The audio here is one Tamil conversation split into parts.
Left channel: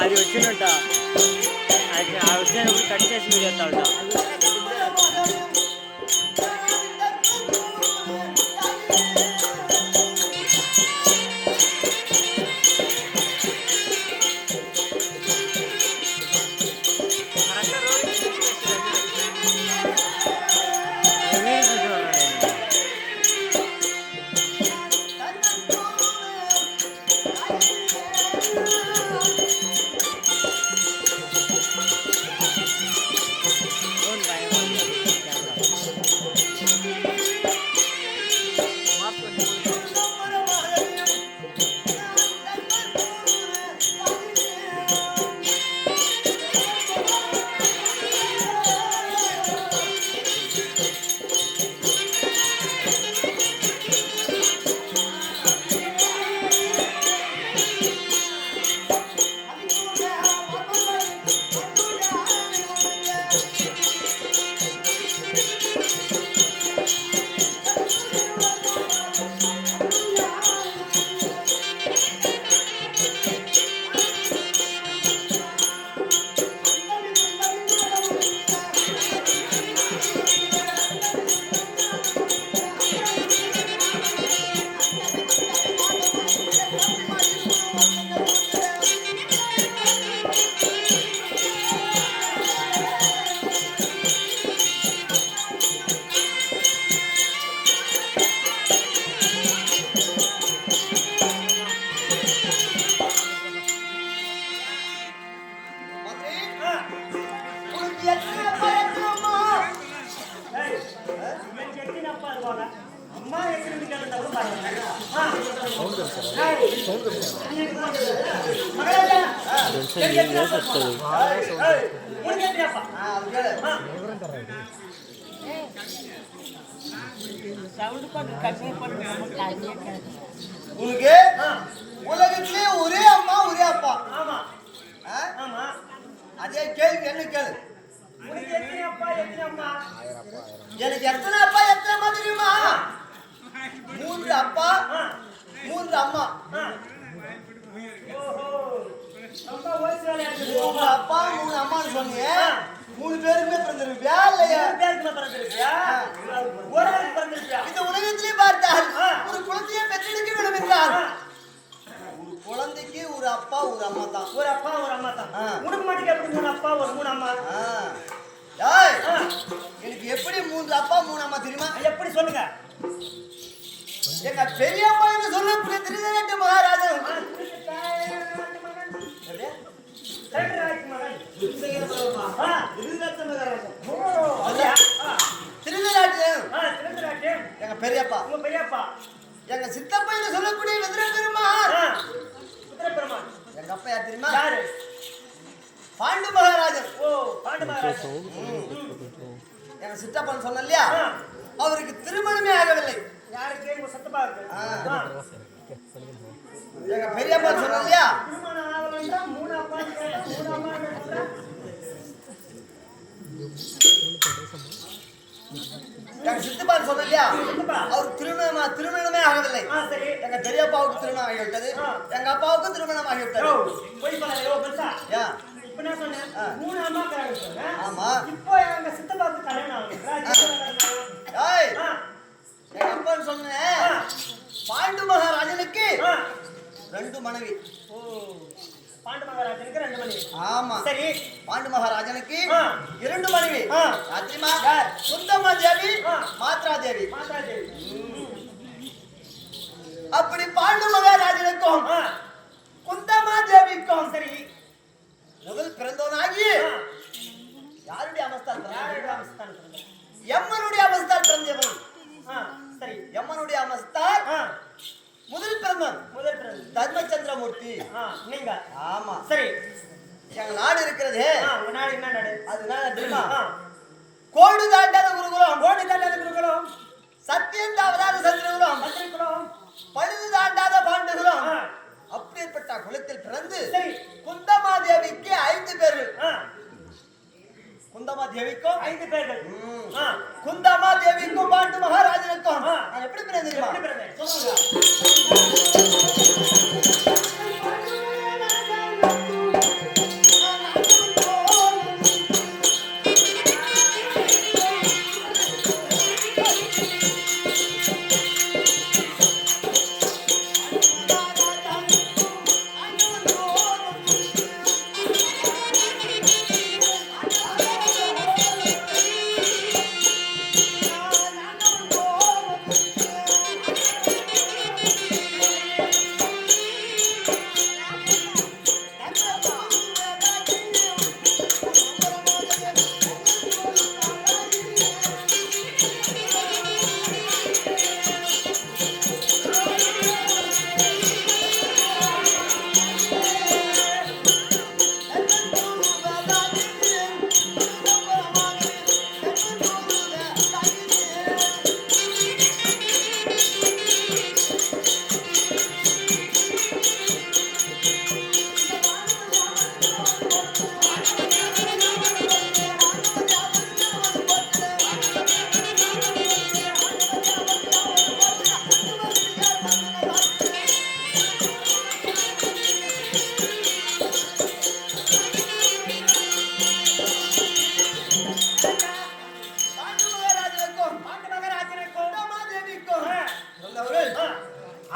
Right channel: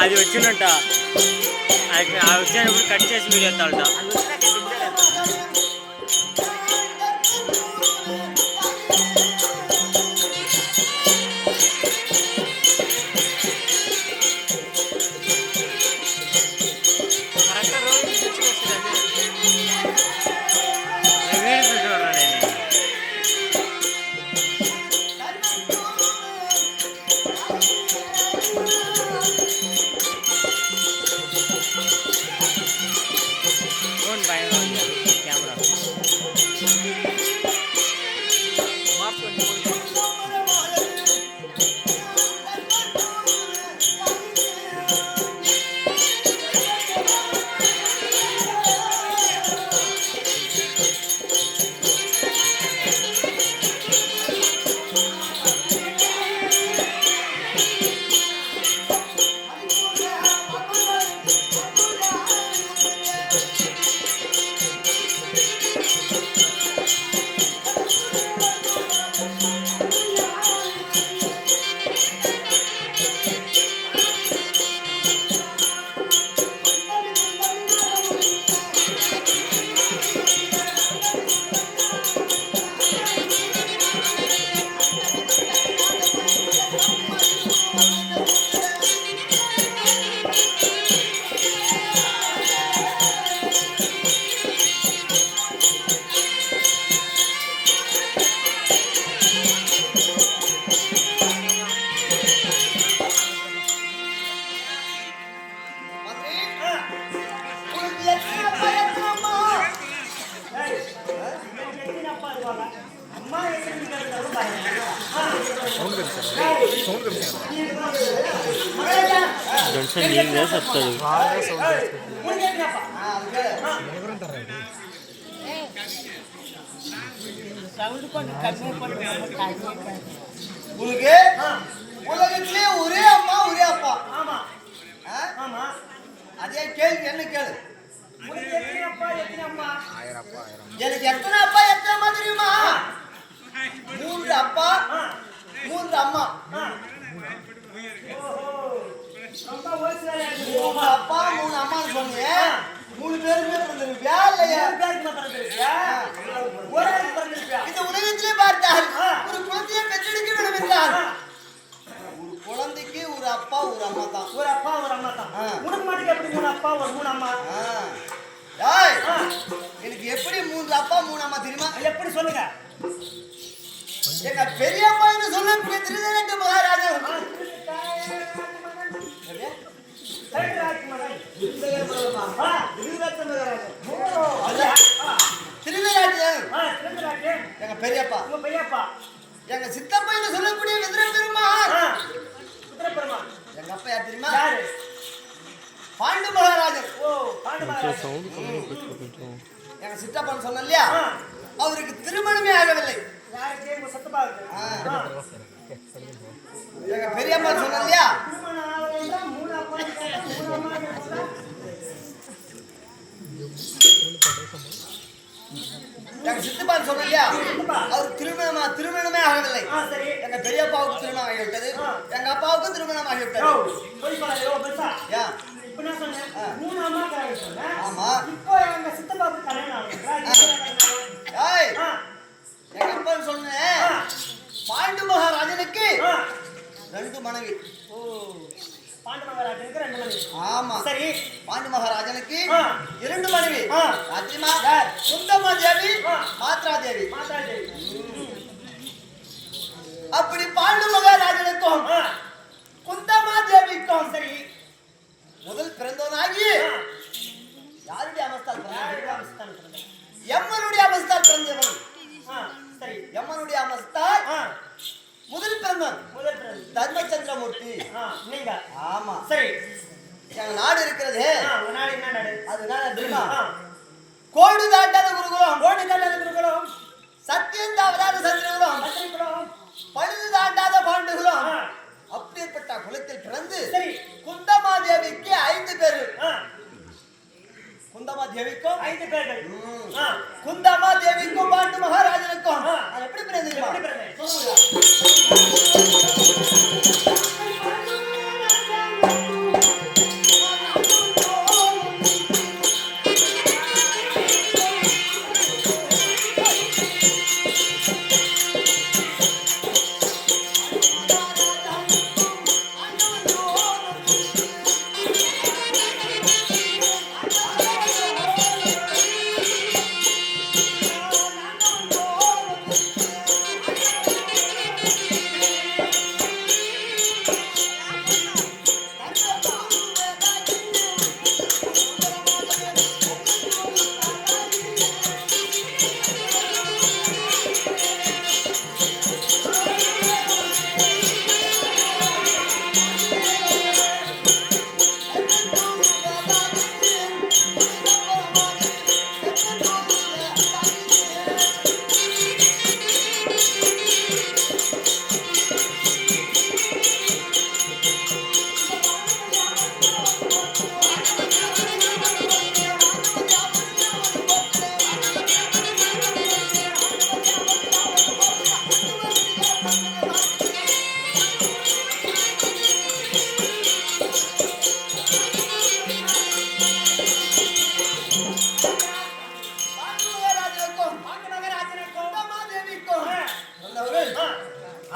అది వచ్చినట్ట అది వచ్చినప్పుడు కట్ చేసి వీడియో ఎత్తాలట దర్శనం ఏం చేసి వస్తాడు இந்த உலகத்திலே பார்த்தால் ஒரு குழந்தையை பெற்றெடுக்க வேண்டும் என்றால் ஒரு குழந்தைக்கு ஒரு அப்பா ஒரு அம்மா தான். ஒரு அப்பா ஒரு அம்மா தான். உனக்கு மட்டும் எப்படி மூணு அப்பா ஒரு மூணு அம்மா. எனக்கு எப்படி மூன்று அப்பா மூணு அம்மா தெரியுமா? எப்படி சொல்லுங்க? எங்க பெரியப்பா என்று சொல்லக்கூடிய திருதேட்டு மகாராஜா. எங்க பெரியப்பா. உங்க பெரியப்பா. எங்க சித்தப்பா என்று சொல்லக்கூடிய விதிர பெருமாள் ஆ, உத்தரப்பெருமாள் எங்க அப்பா யார் தெரியுமா? யாரு? பாண்டு மகாராஜன். ஓ பாண்டு மகாராஜ் எங்க சித்தப்பான்னு சொன்ன இல்லையா ஆ. அவருக்கு திருமணமே ஆகவில்லை. யாருக்கு? ஆ. ஆ. எங்க பெரியப்பா சொன்ன இல்லையா திருமணம் ஆகலைன்னா மூணு அப்பா கேட்டா மூணு அம்மா கேட்டா எங்க சித்தப்பா சொன்ன இல்லையா. அவர் திருமணமா திருமணமே ஆகவில்லை. எங்க பெரியப்பாவுக்கு திருமணம் ஆகிவிட்டது. எங்க அப்பாவுக்கும் திருமணம் ஆகிவிட்டது. சொன்னேன் சொன்னேன். ஆமா. இப்போ எங்க சித்தப்பாவுக்கு கல்யாணம் எங்க அப்பா சொன்னேன். பாண்டு மகாராஜனுக்கு. ரெண்டு மனைவி. ஓ பாண்டு மகாராஜனுக்கு ரெண்டு மணி ஆமா. சரி. பாண்டு மகாராஜனுக்கு. இரண்டு மனைவி. யார்? சுந்தமா தேவி. மாத்ரா தேவி மாதா தேவி அப்படி பாண்டு மகாராஜனுக்கும் குந்தமா தேவிக்கும் சரி. முதல் பிறந்தவனாகி. யாருடைய அவஸ்தால் பிறந்தது? எம்மனுடைய அவஸ்தால் பிறந்தவன். சரி. எம்மனுடைய அவஸ்தால் முதல் பிறந்தவன். முதல் பிறந்து தர்மச்சந்திரமூர்த்தி. நீங்க. ஆமா. சரி. எங்க நாடு இருக்கிறது. நாடு என்ன நாடு? அதனால தெரியுமா கோடு தாண்டாத குருகுலம். ஓடி தள்ளாத குருகுலம். சத்தியம் தவறாத சந்திரகுலம். பத்திரிகுலம் பழுது தாண்டாத பாண்டுகுலம். ஆ. அப்படிப்பட்ட குலத்தில் பிறந்து குந்தமாதேவிக்கு ஐந்து ஆ. குந்தமாதேவிக்கும்? ஐந்து பேர்கள் குந்தமாதேவிக்கும் பாண்டு மகாராஜனுக்கும். எப்படி பிறந்தேன்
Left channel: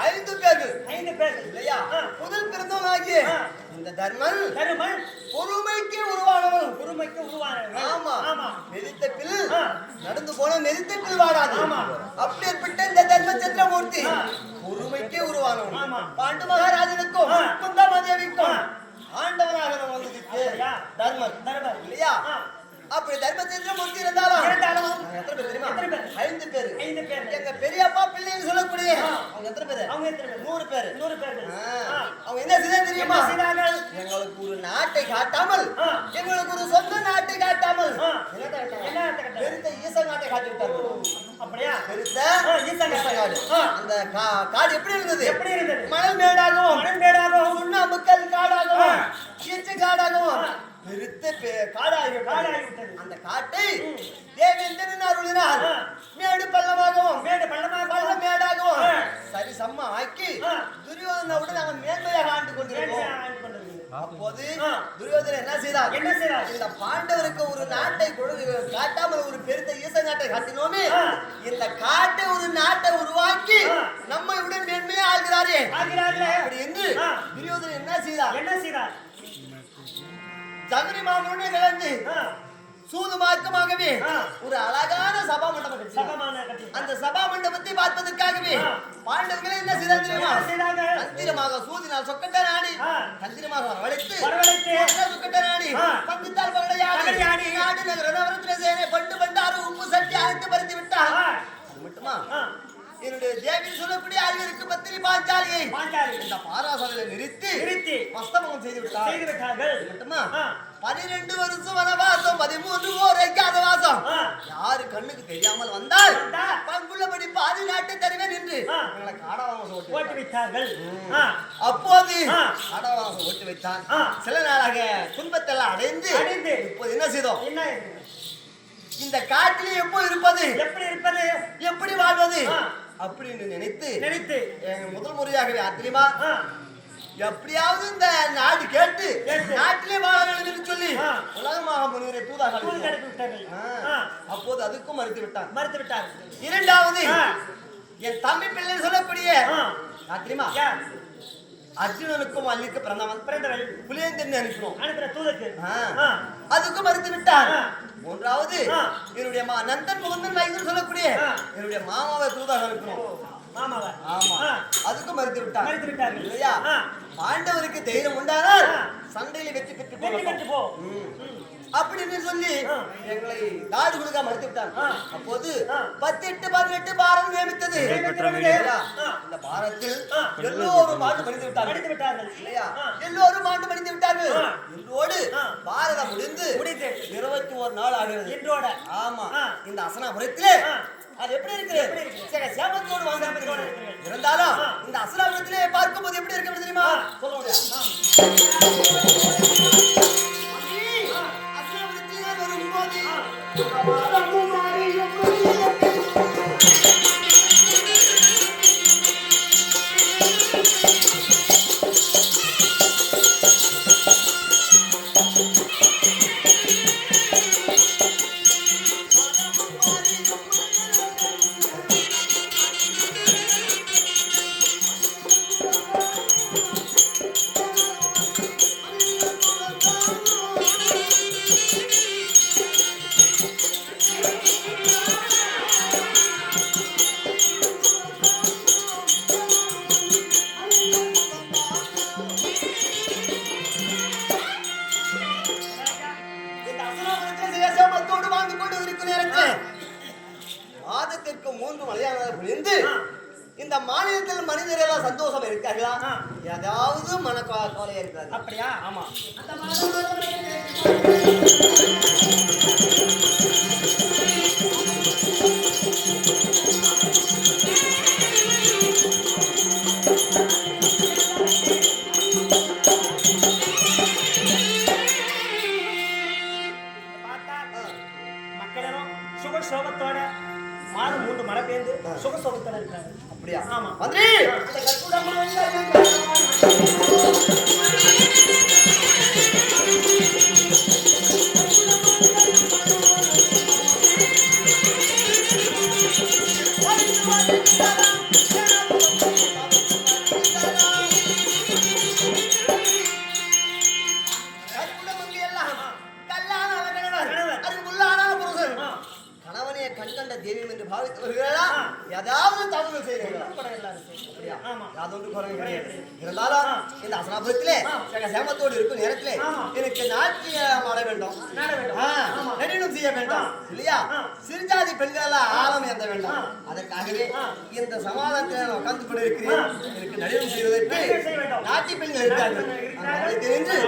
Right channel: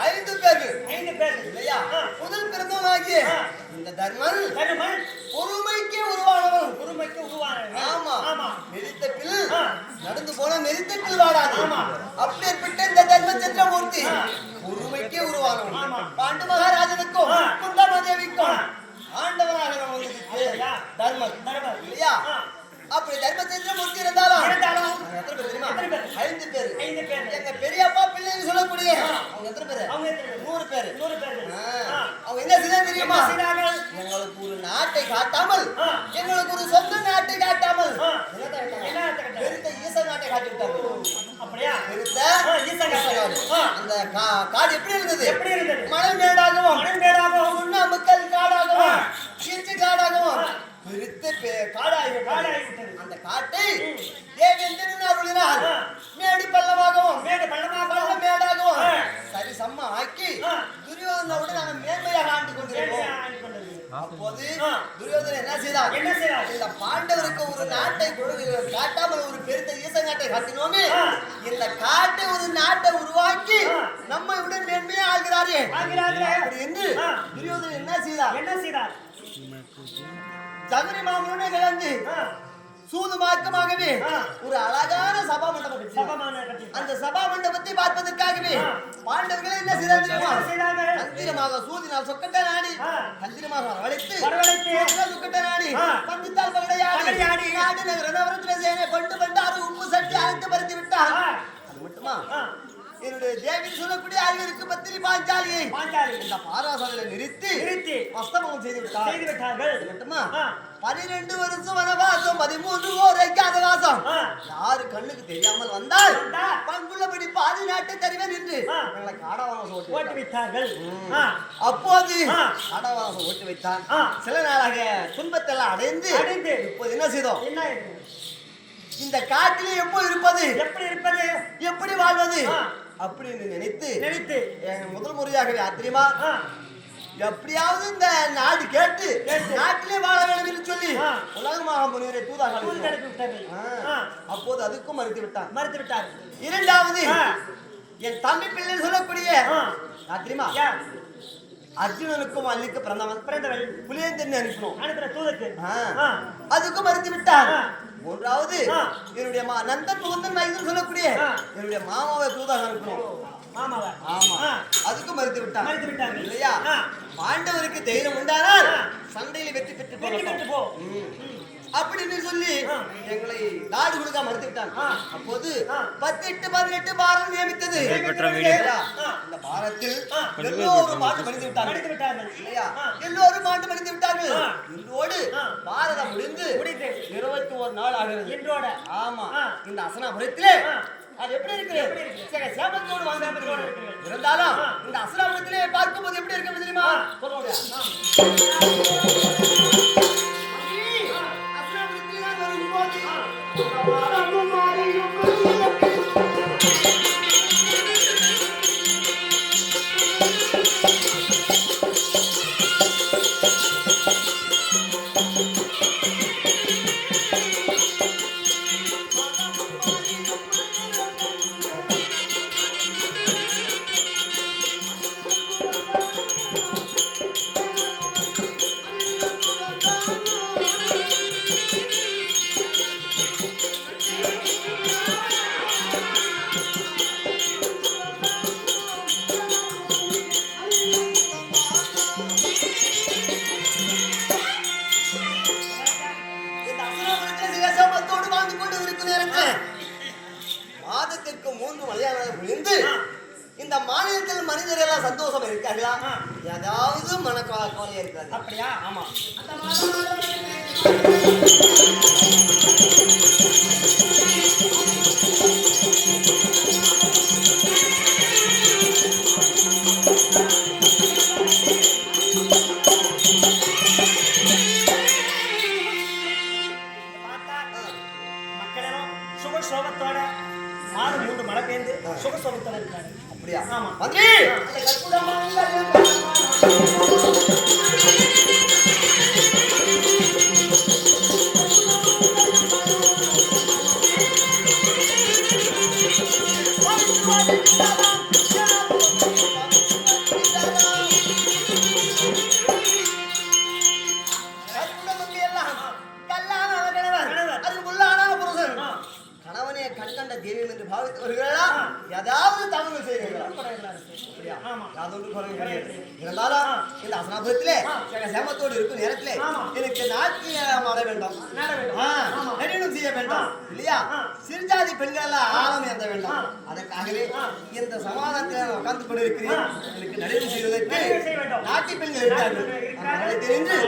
ஐந்து பேர்கள் ஐந்து பேர் இல்லையா. முதல் பிறந்தவனாகிய. இந்த தர்மன் தருமன் பொறுமைக்கே உருவானவன் குருமைக்கு உருவானவர்கள். ஆமா ஆமா ஆ. நடந்து போன பில் வாடாது ஆமா. அப்படிப்பட்ட இந்த தர்ம சந்திரமூர்த்தி. பொறுமைக்கே உருவானவன் ஆமா. பாண்டு மகாராஜனுக்கும். குந்தமாதேவிக்கும். ஆண்டவனாக நம்ம வந்து அப்படியா? தர்மன் தருமன். இல்லையா. அப்படி தர்ம சந்திரமூர்த்தி இருந்தாலும் எத்தனை பேர் தெரியுமா? ஐந்து பேர் ஐந்து பேர். எங்க பெரியப்பா பிள்ளைன்னு சொல்லக்கூடிய. அவங்க எத்தனை பேர் அவங்க? நூறு பேர் நூறு பேர். அவங்க என்ன செய்ய தெரியுமா? எங்களுக்கு ஒரு நாட்டை காட்டாமல். எங்களுக்கு ஒரு சொந்த நாட்டை காட்டாமல்? பெருத்த ஈச நாட்டை காட்டி விட்டார்கள் அப்படியா பெருத்த ஈச நாடு. அந்த காடு எப்படி இருந்தது எப்படி இருந்தது? மணல் மேடாகவும் மணன்பேடாகவும் சுண்ணாம்புக்கல் காடாகவும் ஆ. கீச்சு காடாகவும். பெருத்த காடாகி. அந்த காட்டை தேவேந்திரன் அருளினால். மேடு பள்ளமாகவும் மேடு பள்ளமாக பள்ள மேடாகவும். சரி சம்மா ஆக்கி. துரியோதனோடு நாங்கள் மேன்மையாக ஆண்டு கொண்டிருக்கோம் மேன்மையாக. அப்போது. துரியோதனன் என்ன செய்தார் என்ன செய்தார்? இந்த பாண்டவருக்கு ஒரு நாட்டை கொடு- காட்டாமல் ஒரு பெருத்த ஈச நாட்டை காட்டினோமே. இந்த காட்டை ஒரு நாட்டை உருவாக்கி. நம்மை விட மேன்மையா ஆகிறாரே என்று. துரியோதனன் என்ன செய்தார் என்ன செய்தார் சகுனி மாமனுடனே கலந்து சூது மார்க்கமாகவே. ஒரு அழகான சபா மண்டபம் கட்டி அந்த சபா மண்டபத்தை பார்ப்பதற்காகவே. பாண்டவர்களே என்ன செய்தார் தெரியுமா? தந்திரமாக சூதினால் சொக்கட்ட நாடி. தந்திரமாக வரவழைத்து வரவழைத்து சொக்கட்ட நாடி. பங்குத்தால் பகடையாடி. நாடு நகர நவரத்ன சேனை பண்டு பண்டாறு உப்பு சட்டி அழைத்து பறித்து விட்டார் அது மட்டுமா என்னுடைய தேவி சொல்லக்கூடிய அறிவிற்கு பத்திரி பாஞ்சாலியை பாஞ்சாலி இந்த பாராசாலையில நிறுத்தி நிறுத்தி மஸ்தமம் செய்து விட்டார் செய்து விட்டார்கள் மட்டுமா. பனிரெண்டு வருஷம் வனவாசம் பதிமூன்று ஓர் ஆ. யாரு கண்ணுக்கு தெரியாமல் வந்தால் பங்குள்ளபடி பாதி நாட்டை தருவேன் என்று. எங்களை காடவாசம் ஓட்டி. ஆ, அப்போது. காடவாசம் ஓட்டி வைத்தான். சில நாளாக துன்பத்தெல்லாம் அடைந்து அடைந்து. இப்போது என்ன செய்தோம் என்ன? இந்த காட்டிலே எப்போ இருப்பது எப்படி இருப்பது எப்படி வாழ்வது. அப்படின்னு நினைத்து நினைத்து. முதல் முறையாகவே ஆத்திரியமா ஆ, எப்படியாவது இந்த நாடு கேட்டு. நாட்டிலே வாழ வேண்டும் சொல்லி. உலகமாக முனிவரை தூதாக அப்போது அதுக்கும் மறுத்து விட்டான் மறுத்து விட்டார்கள் இரண்டாவது. என் தம்பி பிள்ளை சொல்லக்கூடிய தெரியுமா? அர்ஜுனனுக்கும் அல்லிக்கு பிறந்தவன் பிறந்தவள் புலியந்தன் அனுப்பினோம் ஆ. ஆ, அதுக்கும் மறுத்து விட்டான் ஆ. மூன்றாவது. என்னுடைய மா நந்தன் முகுந்தன் மைந்தன் சொல்லக்கூடிய. என்னுடைய மாமாவை தூதாக அனுப்பினோம் மாமாவ ஆமா. அதுக்கும் மறுத்து விட்டான் மறுத்து. இல்லையா. பாண்டவருக்கு தைரியம் உண்டானால். சண்டையில வெற்றி பெற்றுக் வெற்றி. பெற்று போ. அப்படின்னு சொல்லி. எங்களை நாடு கொடுக்க மறுத்து விட்டான். அப்போது. பத்தெட்டு பதினெட்டு பாரம் நியமித்தது. இந்த பாரத்தில். எல்லோரும் ஆண்டு மடிந்து விட்டார்கள் விட்டார்கள் இல்லையா. எல்லோரும் ஆண்டு மடிந்து விட்டார்கள். இன்றோடு. பாரதம் முடிந்து முடிந்து இருபத்தி ஒரு நாள் ஆகிறது இன்றோட ஆமா. இந்த அசனாபுரத்திலே. அது எப்படி இருக்கு? சரி, சேமத்தோடு வாழ்ந்து சேமத்தோடு இருக்கிறது. இருந்தாலும். இந்த அசனாபுரத்திலே பார்க்கும்போது எப்படி இருக்கு தெரியுமா. சொல்ல முடியாது இந்த மாதத்திற்கு மூன்று மலையாளர்கள் புரிந்து. இந்த மாநிலத்தில் மனிதர்கள் எல்லாம் சந்தோஷம் இருக்கார்களா ஆ. ஏதாவது மனக்கவலையா இருக்காது அப்படியா ஆமா பார்த்தா சுகசோகத்தில் இருக்காரு அப்படியா ஆமா கண்கண்ட தெய்வம் என்று பாவித்து வருகிறார் ஏதாவது தவறு செய்கிறீர்கள் இருந்தாலும் இந்த அசனாபுரத்திலே சேமத்தோடு இருக்கும் நேரத்திலே எனக்கு நாட்டியம் ஆட வேண்டும். நடனம் செய்ய வேண்டாம். இல்லையா? சிறுஜாதி பெண்களெல்லாம் ஆழம் ஏந்த வேண்டாம். அதற்காகவே இந்த சமாதானத்தில் நான் உட்கார்ந்து கொண்டு இருக்கிறேன் எனக்கு நடனம் செய்வதற்கு நாட்டி பெண்கள் இருக்கார்கள். தெரிஞ்சு